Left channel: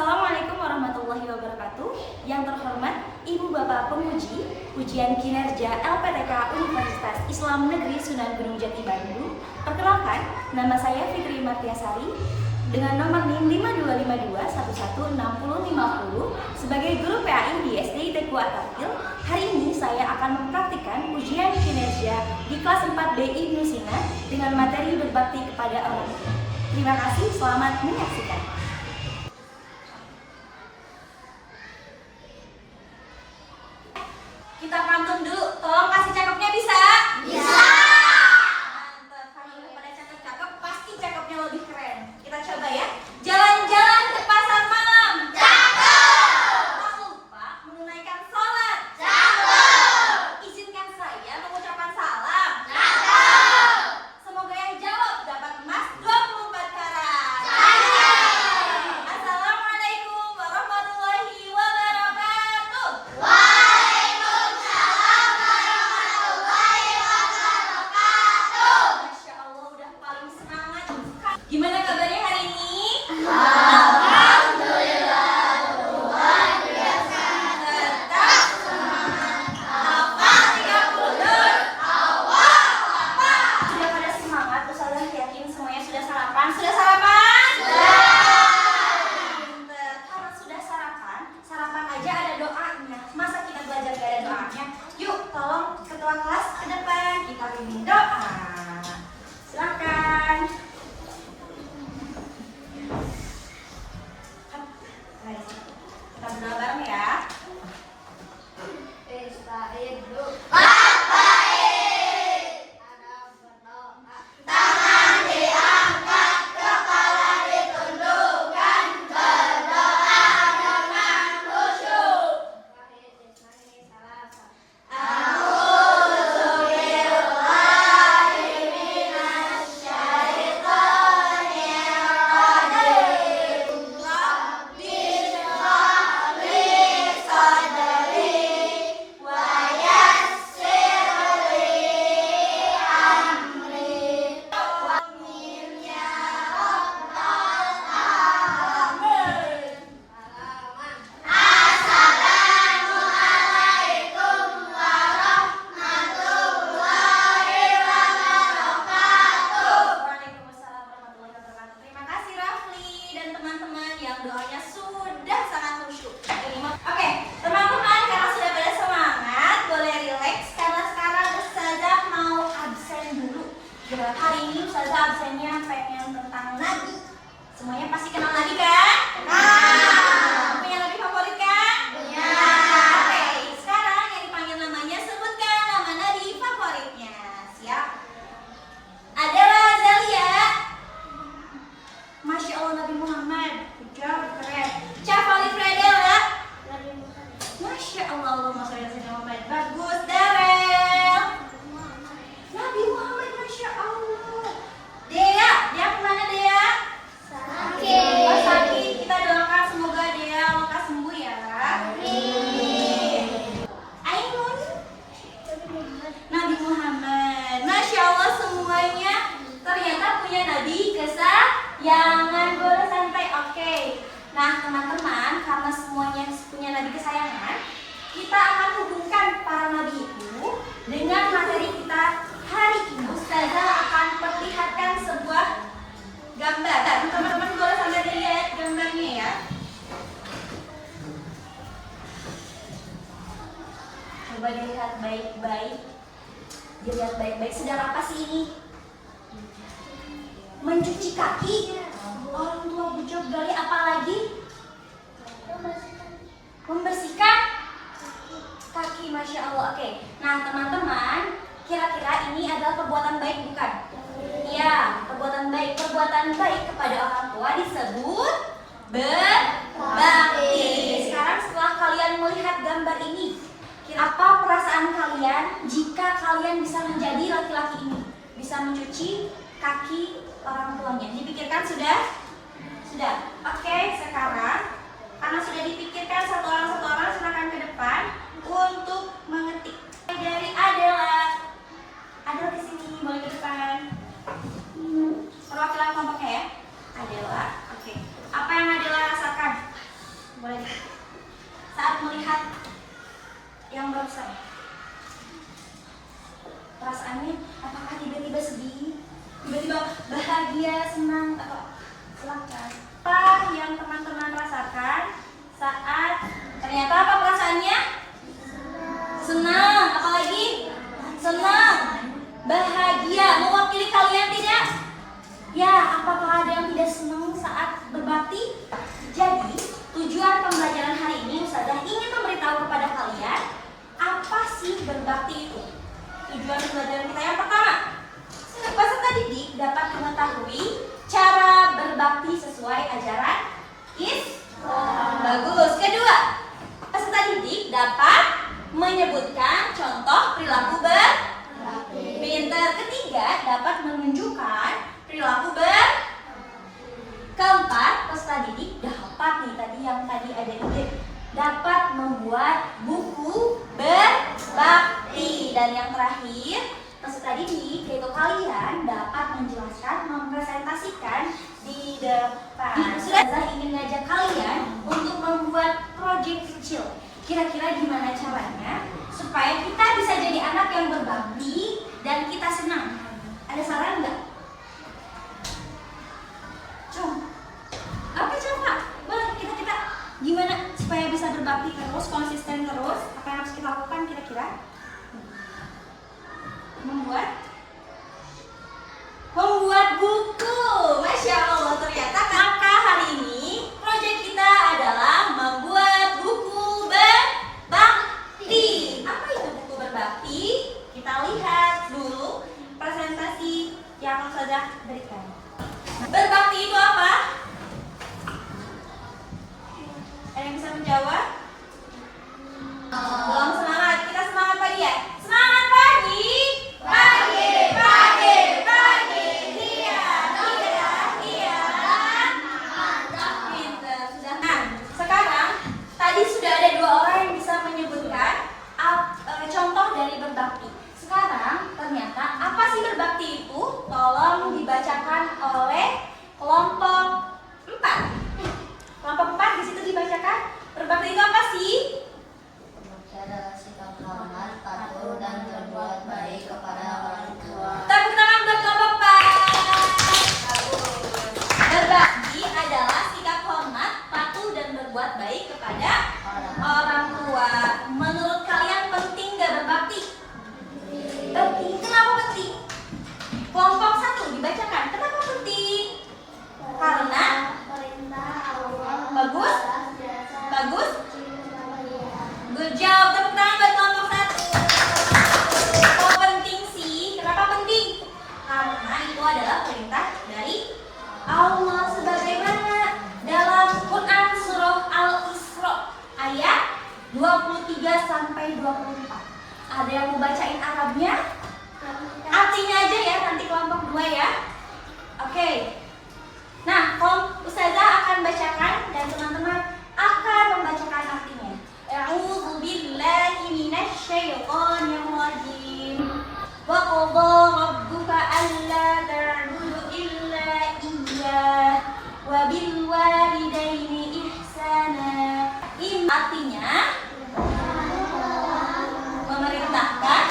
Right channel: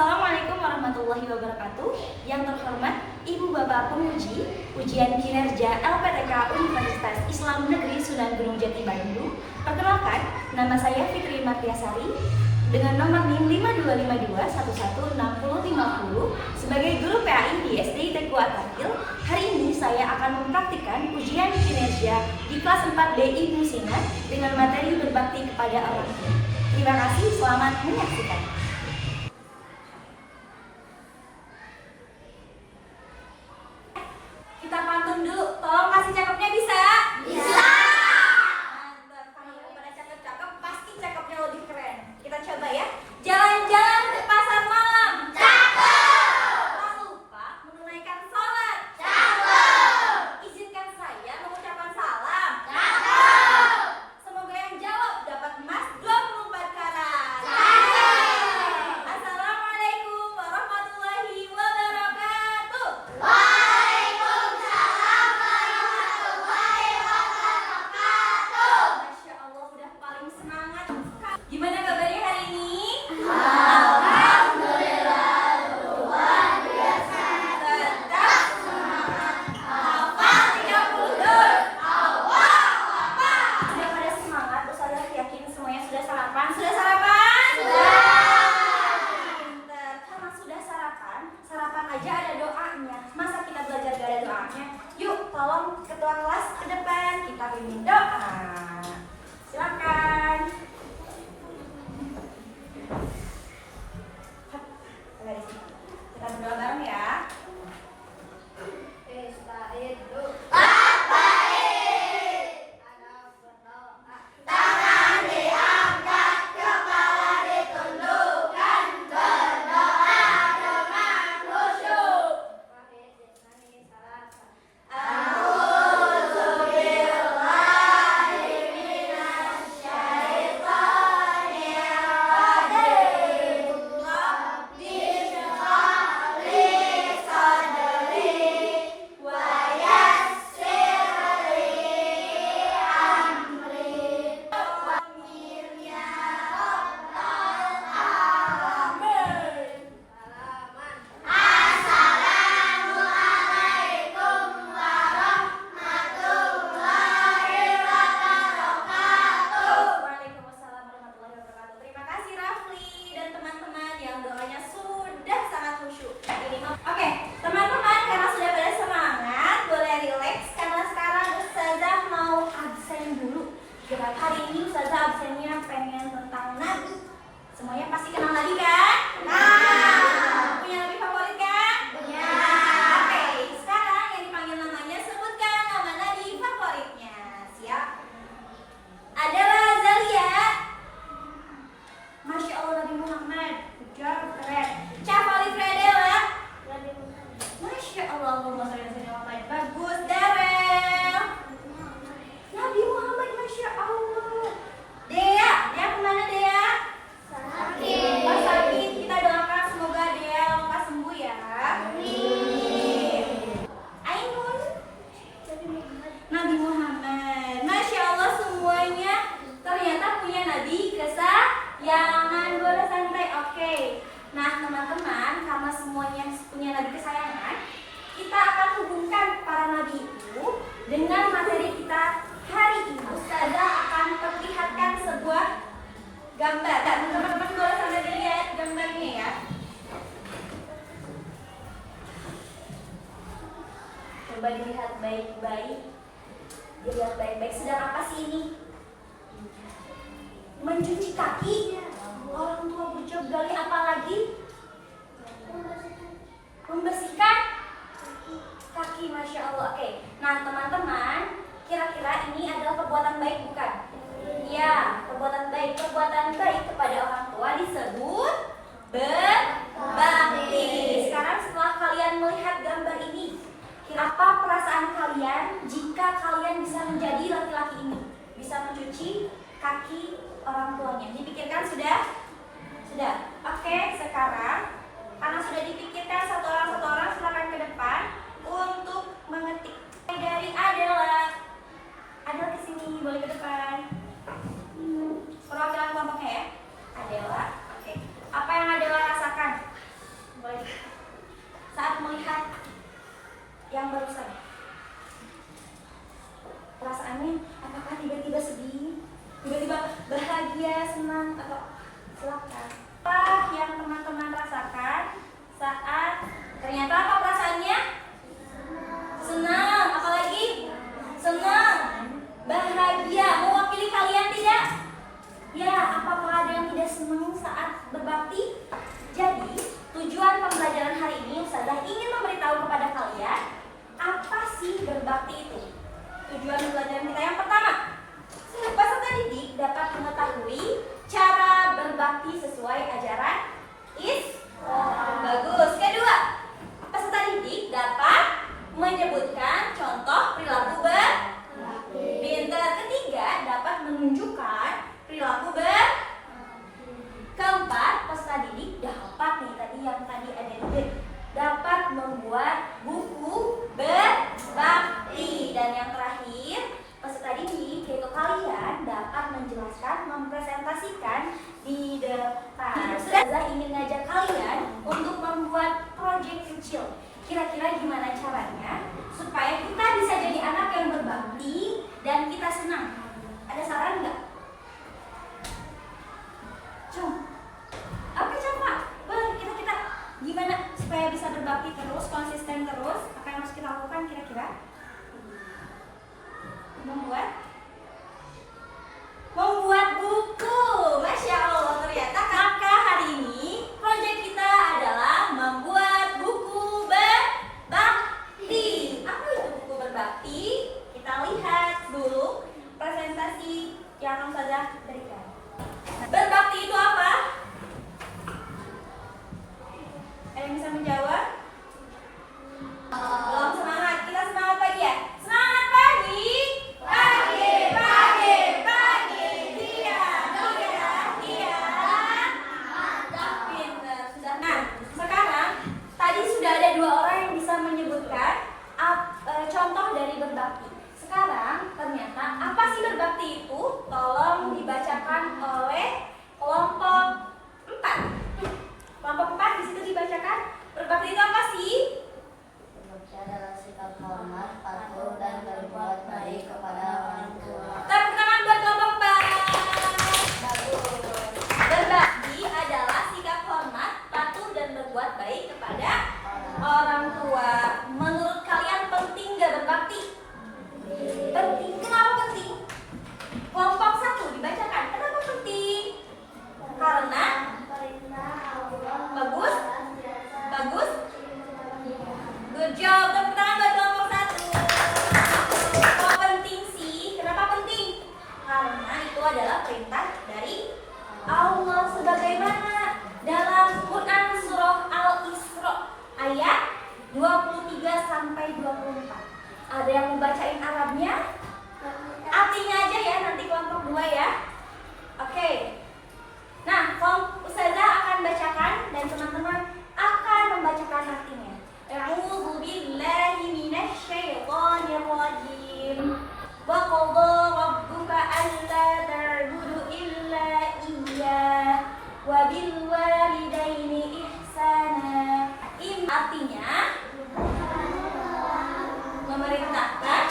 Assalamualaikum warahmatullahi wabarakatuh. Yang terhormat Ibu Bapak Penguji Ujian Kinerja LPTK Universitas Islam Negeri Sunan Gunung Jati Bandung. Perkenalkan, nama saya Fitri Martiasari dengan nomor NIM 5252116050 sebagai guru PAI di SD Teku Atarkil. Hari ini saya akan mempraktikkan ujian kinerja di kelas 4B Ibnu Sina dengan materi berbakti kepada orang tua. Terima kasih, selamat menyaksikan. Kita pantun dulu, tolong kasih cakepnya bisa? Bisa! Mantap, kalau udah pada cakep-cakep, pasti cakepnya lebih keren. Kita coba ya. Jalan-jalan ke pasar malam. Cakep! Tak lupa menunaikan sholat. Cakep! Izinkan saya mengucapkan salam. Cakep! Semoga yang jawab dapat emas 24 karat. Cakep! Assalamualaikum warahmatullahi wabarakatuh. Gimana kabarnya hari ini? Alhamdulillah, luar biasa. Tetap semangat. Hafal 30 juz. Awal apa? Sudah pada semangat? Ustazah yakin semuanya sudah sarapan? Sudah sarapan? Sudah. Karena sudah sarapan aja ada doanya. Masa kita belajar gak ada doanya? Yuk, tolong ketua kelas ke depan. Kita bimbing doa. Silakan. Kita berdoa bareng ya. Tangan diangkat, kepala ditundukkan, berdoa dengan khusyuk. A'udzu billahi minasyaitonir rajim. Rabbi shrah li sadri wa yassir li amri. Amin ya rabbal alamin. Assalamualaikum warahmatullahi wabarakatuh. Waalaikumsalam warahmatullahi wabarakatuh. Terima kasih Rafli dan teman-teman yang doanya sudah sangat khusyuk. Oke, teman-teman, karena sudah pada semangat, boleh relax karena sekarang Ustazah mau absen dulu. Hari ini Ustazah absennya pengen tentang nadi. Semuanya pasti kenal nadi kan? Punya nadi favorit kan? Punya. Oke, sekarang yang dipanggil namanya, sebutkan nama nadi favoritnya. Siap? Adalah Zalia. Masya Allah, Nabi Muhammad. Udah keren. Cafali Fredela. Masya Allah, Allahumma sholli ala sayyidina Muhammad. Bagus. Darel. Nabi Muhammad, Masya Allah. Dea, Dea kemana Dea? Sakit. Oh, sakit. Kita doakan semoga Dea lekas sembuh ya. Amin. Ainun. Nabi Muhammad. Masya Allah, semuanya ternyata punya nabi kesayangan. Boleh santai, oke. Nah teman-teman, karena semuanya punya nabi kesayangan, kita akan hubungkan para nabi itu dengan materi kita hari ini. Ustazah akan perlihatkan sebuah gambar. Teman-teman boleh sambil dilihat gambarnya ya. Coba dilihat baik-baik. Dilihat baik-baik, sedang apa sih ini? Mencuci kaki. Orang tua bujuk gali apa lagi? Membersihkan kaki. Masya Allah. Oke. Nah teman-teman, kira-kira ini adalah perbuatan baik bukan? Iya, perbuatan baik. Perbuatan baik kepada orang tua disebut berbakti. Sekarang setelah kalian melihat gambar ini, apa perasaan kalian jika kalian bisa menjadi laki-laki ini? Bisa mencuci kaki orang tuanya. Dipikirkan sudah? Sudah. Oke, sekarang karena sudah dipikirkan satu orang silakan ke depan untuk mengetik. Dari Adela. Adela ke sini, boleh ke depan. Perwakilan kelompoknya ya. Adela. Oke. Apa yang Adela rasakan? bahagia, senang, atau silakan. Apa yang teman-teman rasakan saat ternyata apa perasaannya? Senang. Apalagi? Senang, bahagia. Mewakili kalian tidak? Ya, apakah ada yang tidak senang saat berbakti? Jadi, tujuan pembelajaran hari ini Ustazah ingin memberitahu kepada kalian apa sih berbakti itu. Tujuan pembelajaran kita yang pertama, peserta didik dapat mengetahui cara berbakti sesuai ajaran Islam. Bagus. Kedua, peserta didik dapat menyebutkan contoh perilaku berbakti. Pinter. Ketiga, dapat menunjukkan perilaku berbakti. Keempat, peserta didik dapat yang tadi ada di dapat membuat buku berbakti. Dan yang terakhir, peserta didik yaitu kalian dapat menjelaskan, mempresentasikan di depan. Sudah ingin ngajak kalian untuk membuat proyek kecil. Kira-kira gimana caranya supaya kita bisa jadi anak yang berbakti dan kita senang? Ada saran nggak? Oke, coba. Boleh kita gimana supaya bisa berbakti terus, konsisten terus? Apa yang harus kita lakukan kira-kira? Membuat buku. Masya Allah, ternyata. Maka hari ini proyek kita adalah membuat buku berbakti. Apa itu buku berbakti? Kita lihat dulu presentasi yang sudah berikan. Berbakti itu apa? Ada yang bisa menjawab? Belum semangat. Kita semangat pagi ya? Semangat pagi. Pagi. Mantap. Pinter. Sudah. Nah, sekarang tadi sudah ada dua orang yang bisa menyebutkan contoh dari berbakti. Sekarang ternyata apa sih berbakti itu? Tolong dibacakan oleh kelompok 4. Kelompok 4 di situ dibacakan. Berbakti itu apa sih? Berbakti adalah sikap hormat, patuh, dan berbuat baik kepada orang tua. Tepuk tangan buat kelompok 4. Bagus. Berbakti adalah sikap hormat, patuh, dan berbuat baik kepada orang tua. Menurut kalian penting gak berbakti? Penting. Kenapa penting? Kelompok 1 dibacakan. Kenapa penting? Karena bagus. Good job. Tepuk tangan buat kelompok 1. Kok penting sih? Kenapa penting? Karena itu adalah perintah dari Allah, sebagaimana dalam Quran surah Al-Isra ayat 23 sampai 24. Ada yang mau bacain Arabnya? Artinya aja ya, nanti kelompok 2 ya. Oke. Nah, Ustazah akan bacakan dan teman-teman akan membacakan artinya. A'udzu billahi minasy syaithanir rajim. Wa qadha rabbuka alla ta'budu illa iyyah wa bil walidaini ihsana. Ini artinya memerintahkan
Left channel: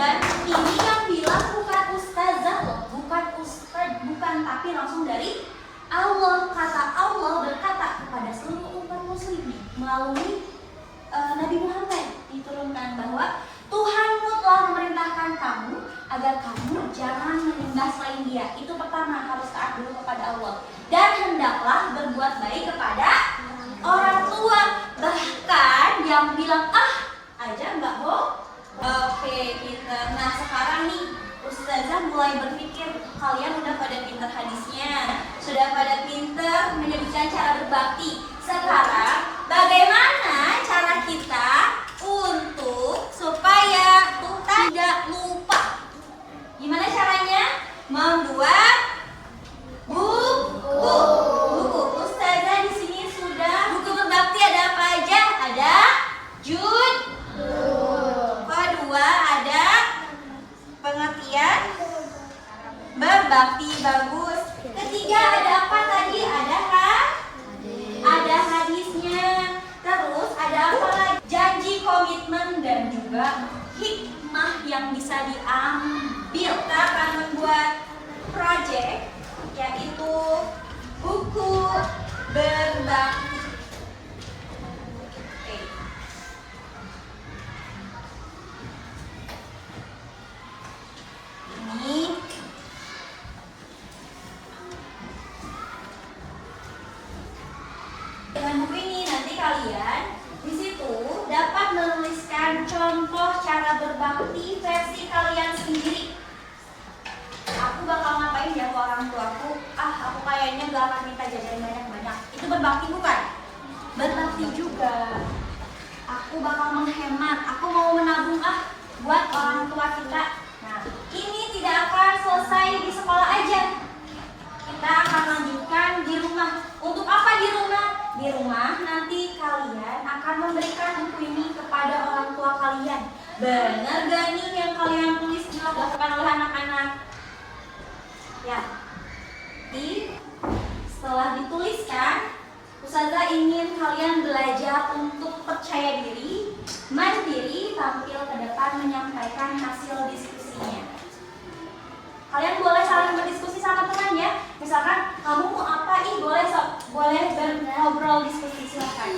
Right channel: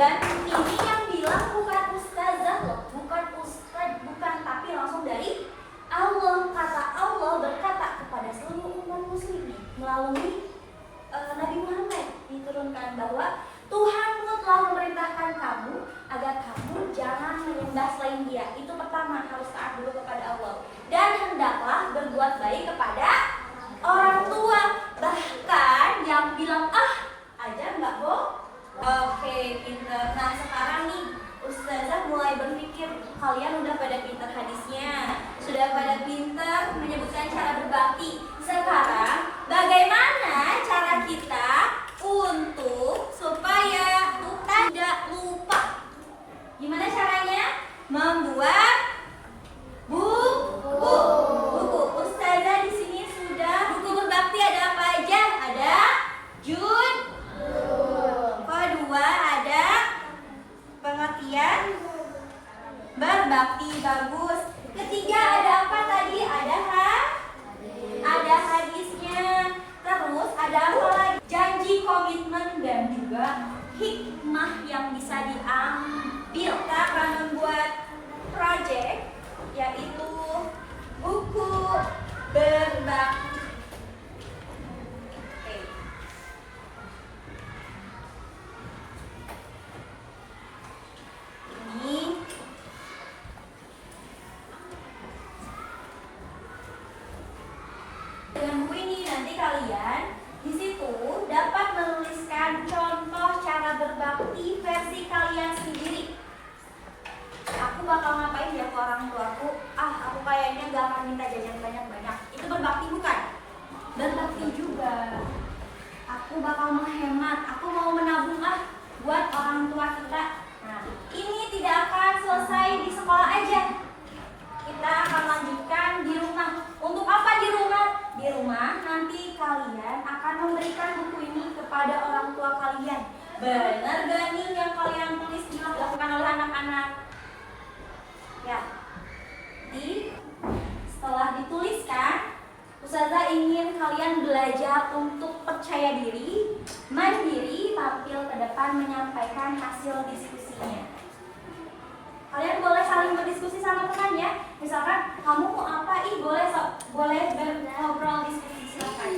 dan ini yang bilang bukan ustazah, bukan ustadz, bukan, tapi langsung dari Allah. Kata Allah berkata kepada seluruh umat muslim melalui Nabi Muhammad diturunkan bahwa Tuhanmu telah memerintahkan kamu agar kamu jangan menyembah selain Dia. Itu pertama, harus taat dulu kepada Allah. Dan hendaklah berbuat baik kepada orang tua. Bahkan yang bilang aja nggak bohong. Oke, pinter. Nah, sekarang nih Ustazah mulai berpikir kalian udah pada pinter hadisnya, sudah pada pinter menyebutkan cara berbakti. Sekarang bagaimana cara kita untuk supaya tidak lupa? Gimana caranya? Membuat buku. Ustazah di sini sudah buku berbakti ada apa aja? Ada kedua ada pengertian berbakti, bagus. Ketiga ada apa tadi? Ada hadisnya. Terus ada apa lagi? Janji, komitmen, dan juga hikmah yang bisa diambil. Kita akan membuat project, yaitu buku berbakti. Oke. Ini dengan buku ini nanti kalian di situ dapat menuliskan contoh cara berbakti versi kalian sendiri. Aku bakal ngapain ya ke orang tuaku? Aku kayaknya gak akan minta jajan banyak-banyak. Itu berbakti bukan? Berbakti juga. Aku bakal menghemat. Aku mau menabung buat orang tua kita. Nah, ini tidak akan selesai di sekolah aja. Kita akan lanjutkan di rumah. Untuk apa di rumah? Di rumah nanti kalian akan memberikan buku ini kepada orang tua kalian. Bener gak nih yang kalian tulis dilakukan oleh anak-anak? Ya. Setelah dituliskan, Ustazah ingin kalian belajar untuk percaya diri, mandiri, tampil ke depan menyampaikan hasil diskusinya. Kalian boleh saling berdiskusi sama temannya. Misalkan kamu mau apa? Boleh ngobrol diskusi silakan.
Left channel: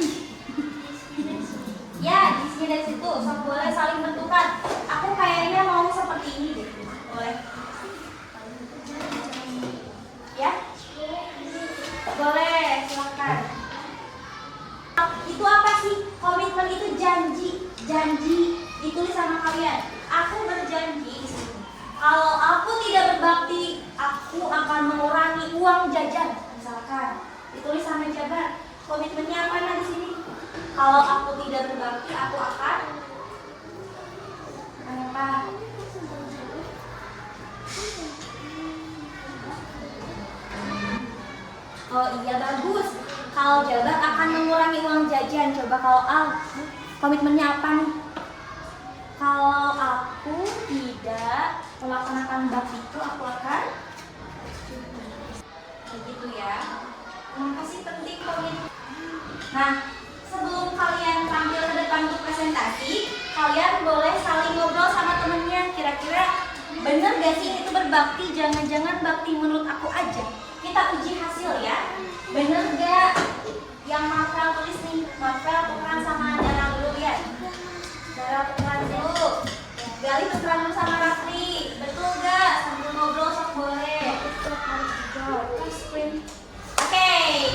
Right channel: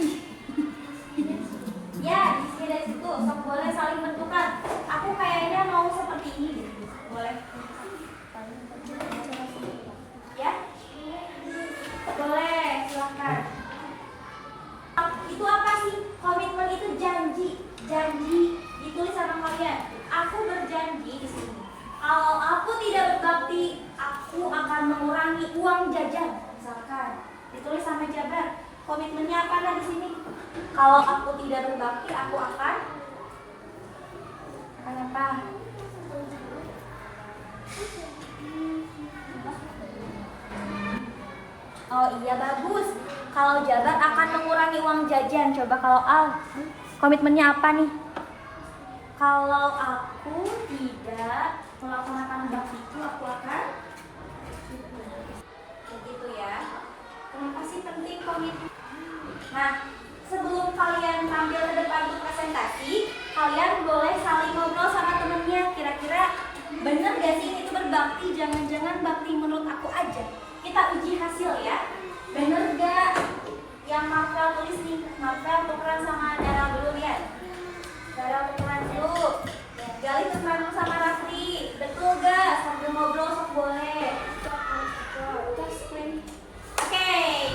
Ya, di sini dari situ boleh saling bentukan. Aku kayaknya mau seperti ini deh. Boleh. Ya? Boleh, silakan. Itu apa sih? Komitmen itu janji. Janji ditulis sama kalian. Aku berjanji di sini. Kalau aku tidak berbakti, aku akan mengurangi uang jajan. Misalkan ditulis sama Jabar. Komitmennya apa di sini? Kalau aku tidak berbakti, aku akan apa? Oh iya, bagus. Kalau Jabar akan mengurangi uang jajan. Coba kalau komitmennya apa nih? Kalau aku tidak melaksanakan baktiku, aku akan begitu ya. Kenapa sih penting komitmen? Nah, sebelum kalian tampil ke depan untuk presentasi, kalian boleh saling ngobrol sama temennya. Kira-kira bener gak sih itu berbakti? Jangan-jangan bakti menurut aku aja. Kita uji hasil ya. Bener gak? Yang Marvel tulis nih. Marvel tukeran sama Dara dulu ya. Dara tukeran dulu. Gali tukeran dulu sama Rafli. Betul gak? Sambil ngobrol sok boleh. Oke,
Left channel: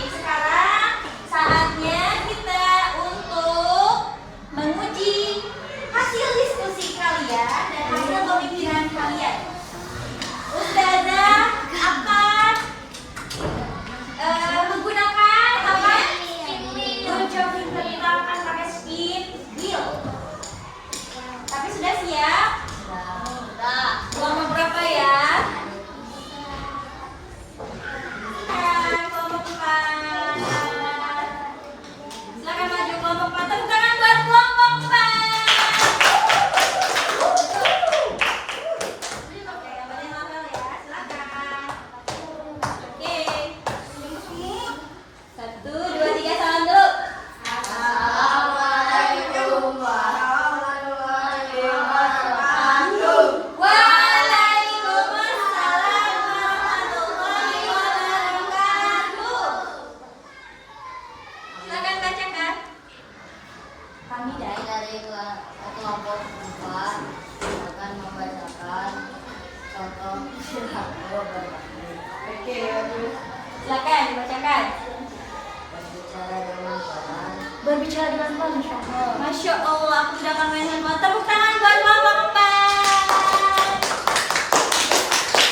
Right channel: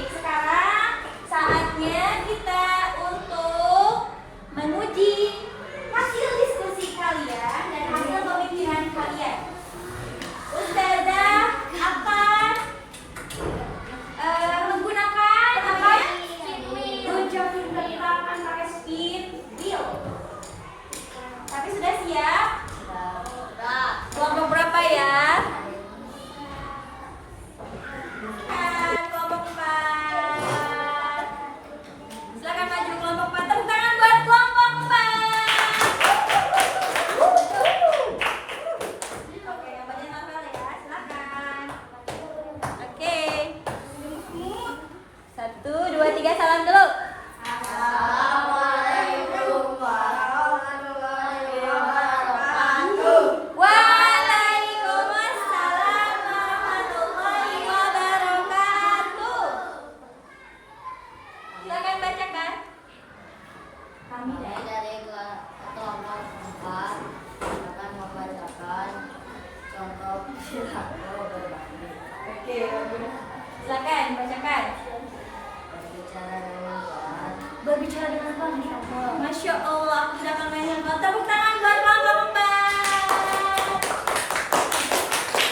sekarang saatnya kita untuk menguji hasil diskusi kalian dan hasil pemikiran kalian. Ustazah akan menggunakan apa? Tunjuk akan pakai speed wheel. Tapi sudah siap? Kelompok berapa ya? Kelompok 4. Silakan maju kelompok 4. Tepuk tangan buat kelompok 4. Oke, gambarnya Marvel ya. Silakan. Oke. 1, 2, 3, salam dulu. Assalamualaikum warahmatullahi wabarakatuh. Waalaikumsalam warahmatullahi wabarakatuh. Silakan bacakan. Kami Dari kelompok 4 akan membacakan contoh perilaku berbakti. Oke, bagus. Silakan bacakan. Berbicara dengan Tuhan. Berbicara dengan Tuhan, Masya Allah. Masya Allah, aku sudah akan main handphone. Tepuk tangan buat Mama Empat.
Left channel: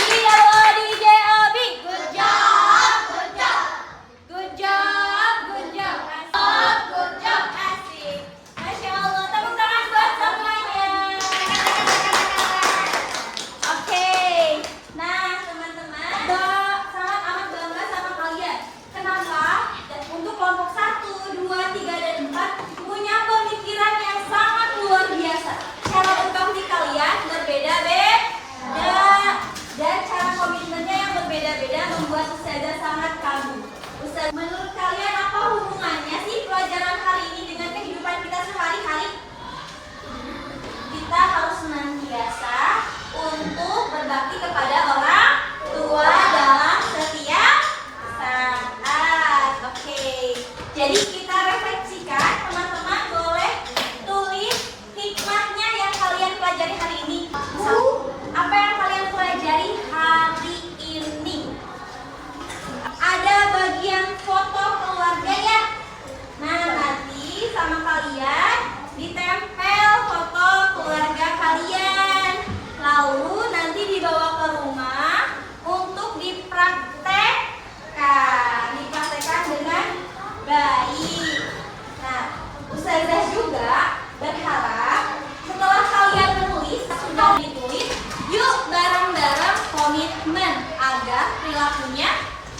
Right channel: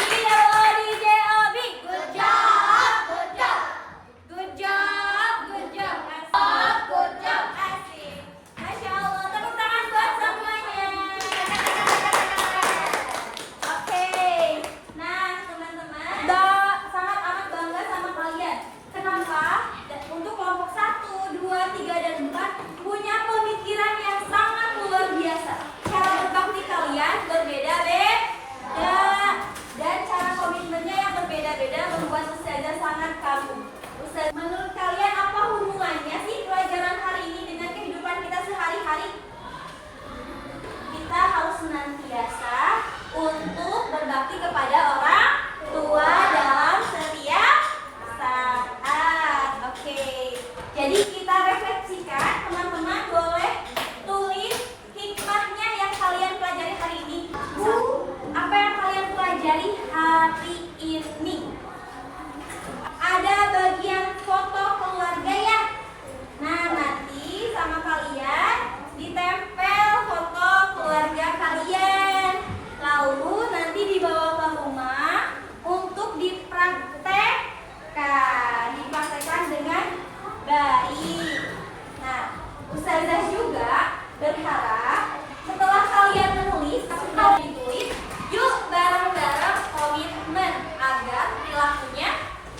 Iya, DJ Obi. Good job, good job. Good job, good job. Good job, asik. Masya Allah, tepuk tangan buat semuanya. Oke, nah teman-teman, sangat amat bangga sama kalian. Kenapa? Untuk kelompok 1, 2, 3, dan 4 punya pemikiran yang sangat luar biasa.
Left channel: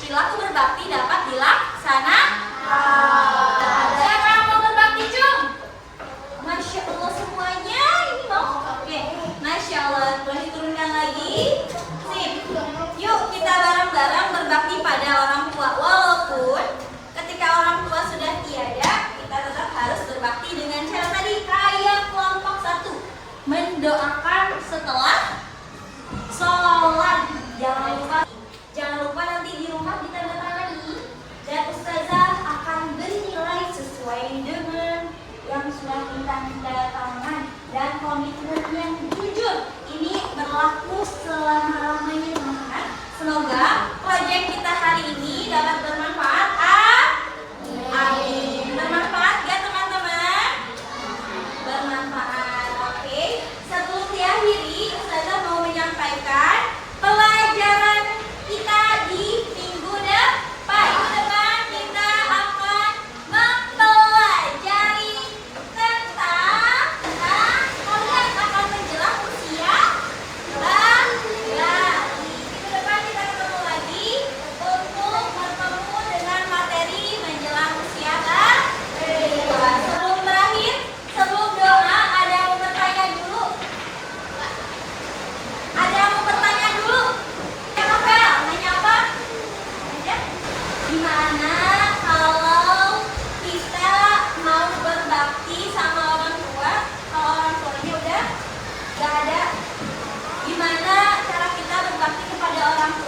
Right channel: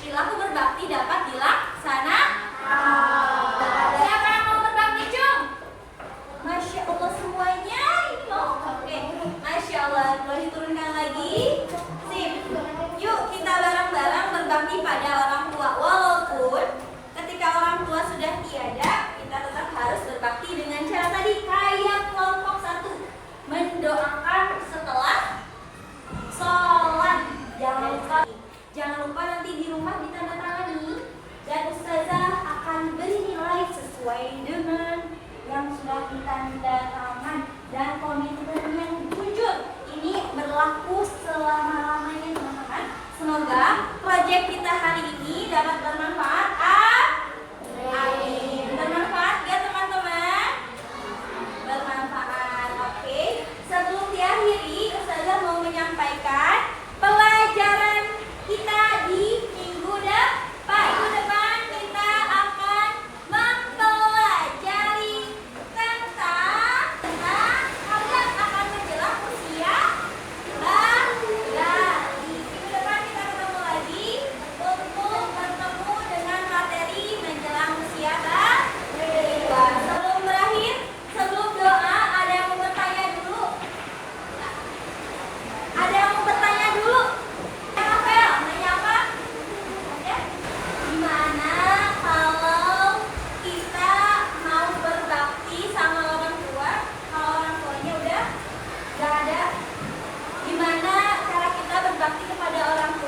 Perilaku berbakti dapat dilaksanakan. Siapa yang mau berbakti, Cung? Masya Allah semuanya ini mau. Oke, Masya Allah. Boleh diturunkan lagi. Sip. Yuk kita bareng-bareng berbakti pada orang tua. Walaupun ketika orang tua sudah tiada, kita tetap harus berbakti dengan cara tadi kayak kelompok 1. Mendoakan setelah sholat. Jangan lupa nanti di rumah ditandatangani dan ustazah akan beri nilai sesuai dengan yang sudah kita tangan dan komitmen yang jujur. Ini berlaku selama-lamanya teman-teman. Semoga proyek kita hari ini dapat bermanfaat. Amin. Bermanfaat ya teman-teman? Bermanfaat. Oke. Sebelum diakhiri, ustazah mau menyampaikan pelajaran kita di minggu depan. Minggu depan kita akan mempelajari tentang kalian akan menjelang usia balita. Minggu depan kita ketemu lagi untuk bertemu dengan materi menjelang usia balita. Sebelum berakhir, sebelum doa, ada yang mau bertanya dulu? Ada yang mau bertanya dulu? Nanya apa? Gimana kalau kita mau berbakti sama orang tua, kalau orang tuanya udah gak ada? Gimana cara kita berbakti kepada orang tua?